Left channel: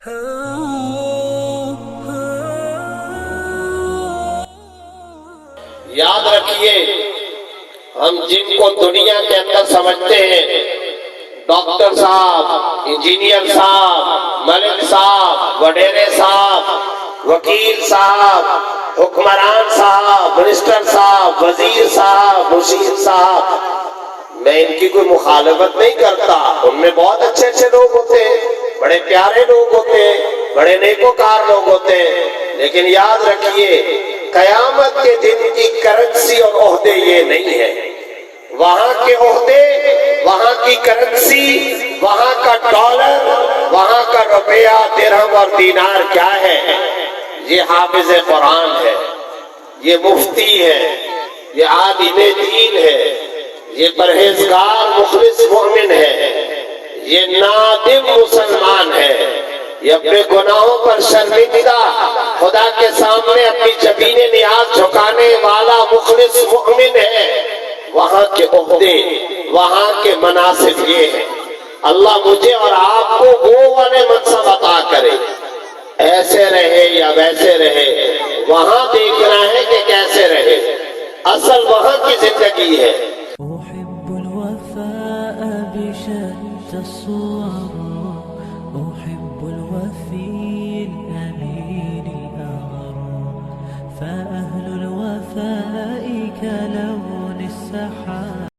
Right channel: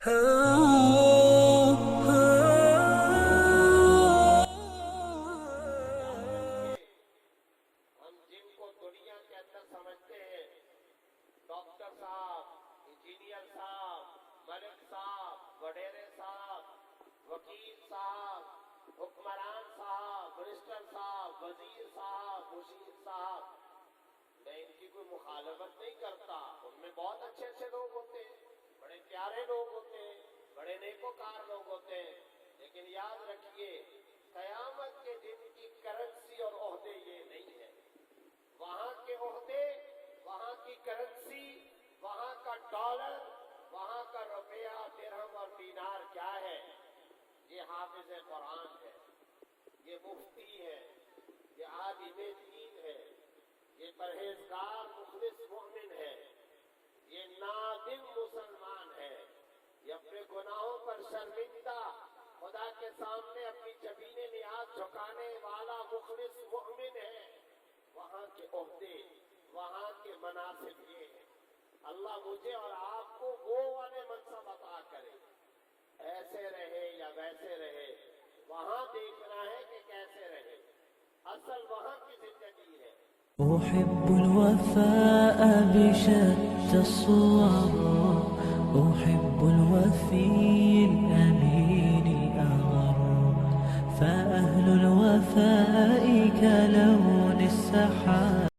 یاد رکھیے، ہم جن کو دنیا کے اندر سمجھتے ہیں، ڈاکٹر صاحب، انجینئر صاحب، ملک صاحب، وڈیرے صاحب، وکیل صاحب، حکمران صاحب، منسٹر صاحب، وزیر صاحب، مشیر صاحب، میں ان کی کوئی مخالفت نہیں کرتا، ان میں بہت اچھے اچھے لوگ ہوتے ہیں، بڑے پیارے لوگ ہوتے ہیں، بڑے نیکوکار لوگ ہوتے ہیں، لیکن یاد رکھیے قیامت کے دن کی کرنسی اور عہدے یہ نہیں ہے۔ وہاں کے عہدے، وہاں کی کرنسی، وہاں کا ڈالر، وہاں کا روپیہ، درہم اور دینار کیا ہے؟ یہ حافظ قرآن ہے، یہ مفتی ہے، یہ عالم دین ہے، یہ پرہیزگار مخلص مومن ہے، یہ نادم مسلمان ہے، یہ اپنے گناہوں پر شرمندہ خدا کے سامنے اپنی جبین نیاز جھکانے والا مخلص مومن ہے۔ وہاں کے عہدے، وہاں کے مناصب یہ ہیں۔ اللہ مجھے اور آپ کو وہ والے منصب عطا کرے، ایسے رہے یا ویسے رہے، وہاں دیکھنا ہے کہ کیسے رہے، اصل وہاں کی زندگی ہے۔ أحب الوفاء بشتى الصور، أحب الوفي الأمين الأغر، فأهل الوفاء كلون السحاب